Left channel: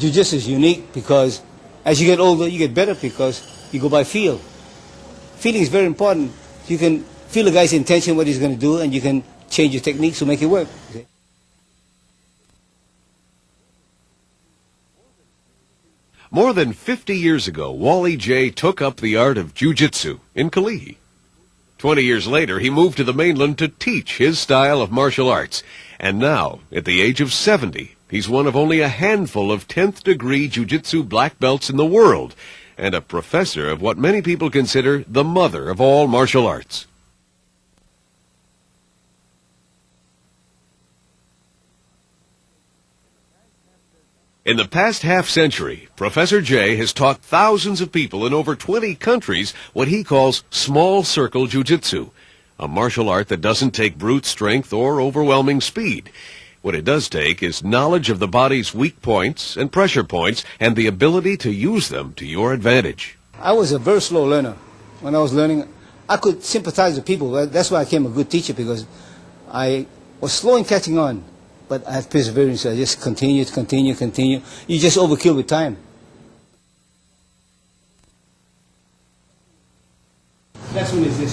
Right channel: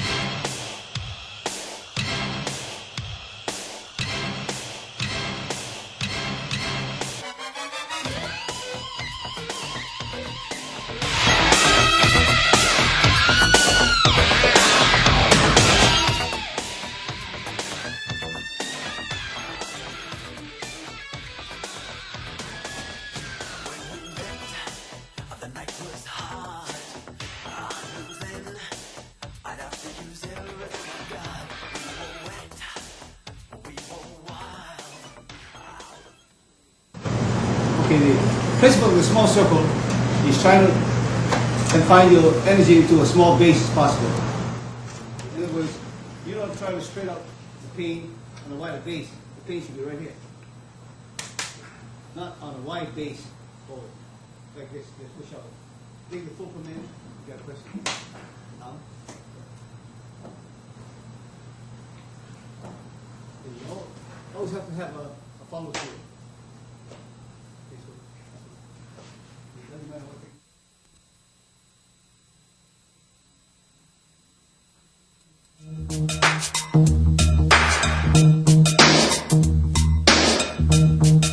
Jiu-Jitsu is unique because as you get older, you get better because you go by feel. Feeling is very important. You can feel the guy's intention, what he's going to do, and you can change your techniques to make it work. More than 50 years ago, Wally Jay took up the art of jiu-jitsu in Kalihi. 20 years later, he moved to the mainland to teach his style of martial arts. And now, at the age of 70, he's one of only a handful of 10th degree jiu-jitsu black belts in the world, and a professor of what many people consider the mother of all martial arts. Okay, the principle of the small circle is trying to confine your energy into a small base as possible. In the past half-century, Professor Jay has taught thousands of people in over 20 countries what he calls small circle jiu-jitsu, a martial art that doesn't take brute strength or overwhelming speed. What it does take is knowledge of the body's weak points and pressure points and the ability to use them to your advantage. I was a very slow learner. When I was learning, I could sympathize with people. That's why I became a good teacher, because I was slow in catching on. But I had perseverance. I just continue. You just overkill with time. That's what it is.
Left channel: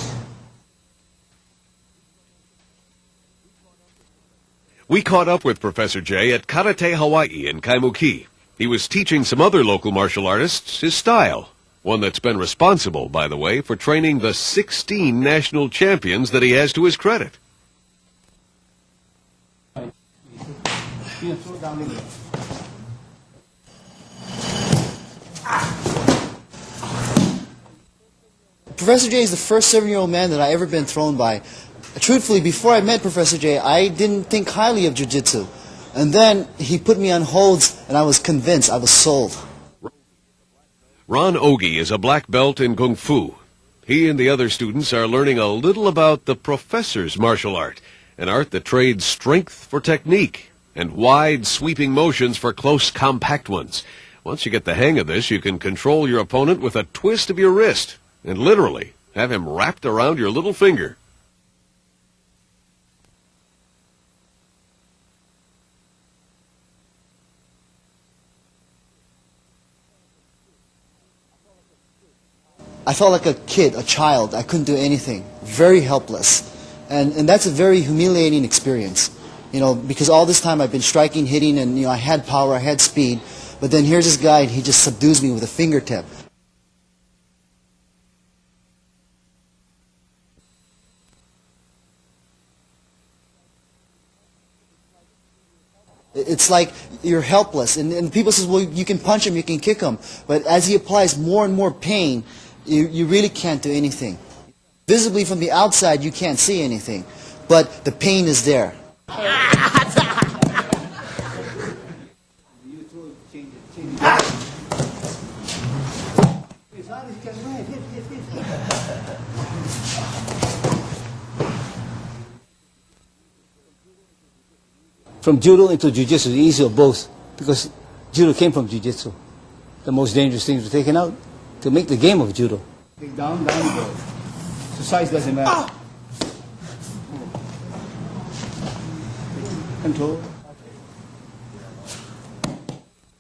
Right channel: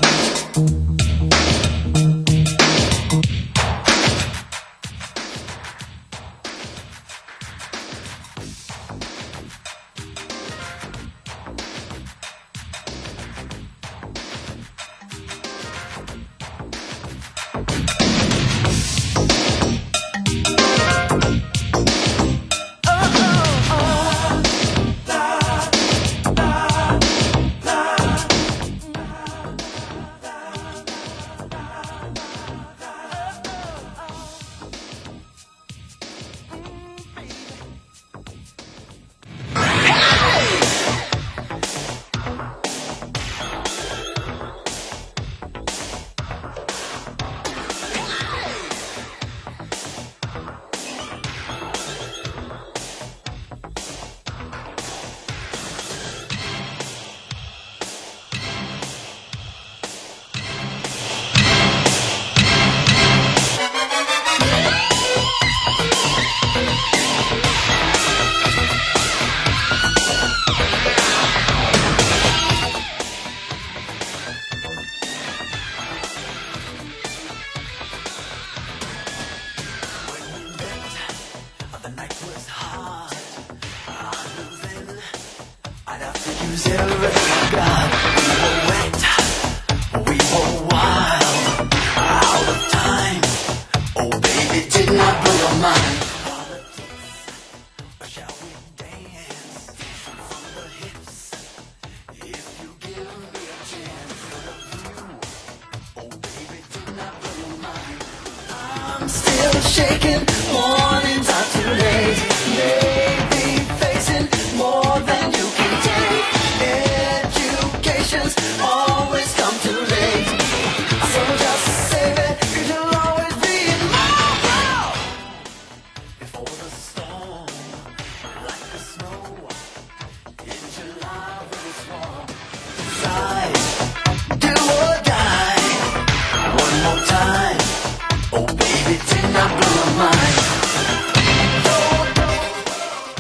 We caught up with Professor Jay at Karate Hawaii in Kaimuki. He was teaching some other local martial artists his style, one that's been responsible, by the way, for training the 16 national champions that he has to his credit. Professor Jay is the first 7-year-old man that I ever been thrown by. Truthfully, before I met Professor Jay, I didn't think highly of jiu-jitsu. And then he put me on holds, and I was convinced, I was sold. Ron Ogie is a black belt in Kung Fu. He and the other students are learning a little about the professor's martial art, an art that trades strength for technique and wide, sweeping motions for close, compact ones. Once you get the hang of this, you can control your opponent with a twist of your wrist and literally have him wrapped around your little finger. I felt like a kid, a child. I couldn't do anything. Very helpless. And that's a very humiliating experience. You know, because all this time I've been striking, hitting, and, you know, I had power, I had speed. But then here's this guy, and he just subdues me with a fingertip. It's like you're helpless, and people say, well, you can punch him, you can kick him, but as he applies more and more pain, you really can't do anything. Visibly from the outside, you can't see anything, but the pain is there. From judo into jiu-jitsu, the easier of both, because judo came from jiu-jitsu. The most dangerous thing to be taken out, to make the game of judo.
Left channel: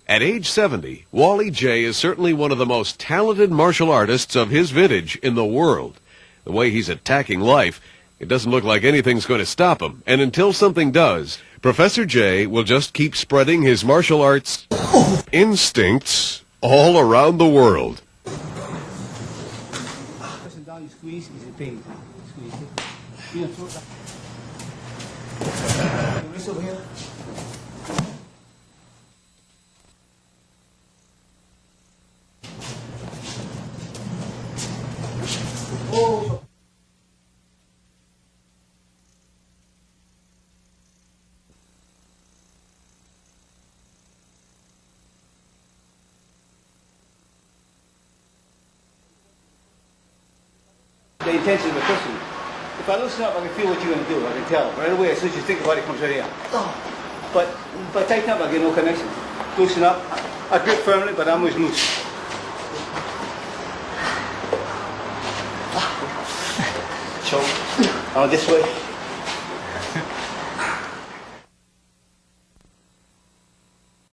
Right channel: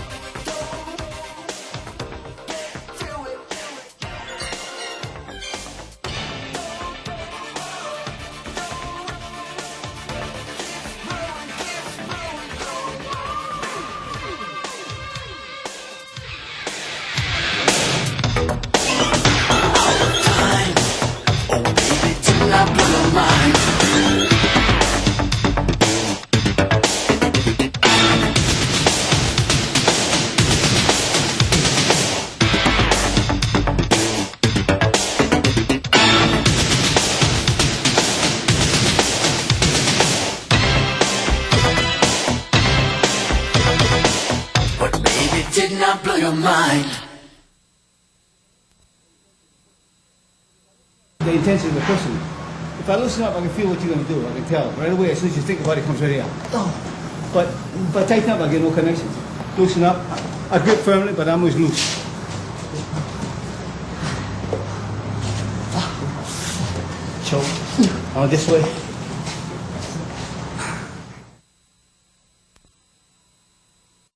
At age 70, Wally Jay is certainly one of the most talented martial artists of his vintage in the world. The way he's attacking life, it doesn't look like anything's going to stop him. And until something does, Professor Jay will just keep spreading his martial arts instincts all around the world. Did not blow your mind. The intention of the person. If I loosen up, I can feel what you're going to do. I can tell right away. As soon as you think about it, it comes right out. But if I tighten up, I get no connection. Loosen up. I grip firmly, but I'm always loose. Choke. Oh, this way.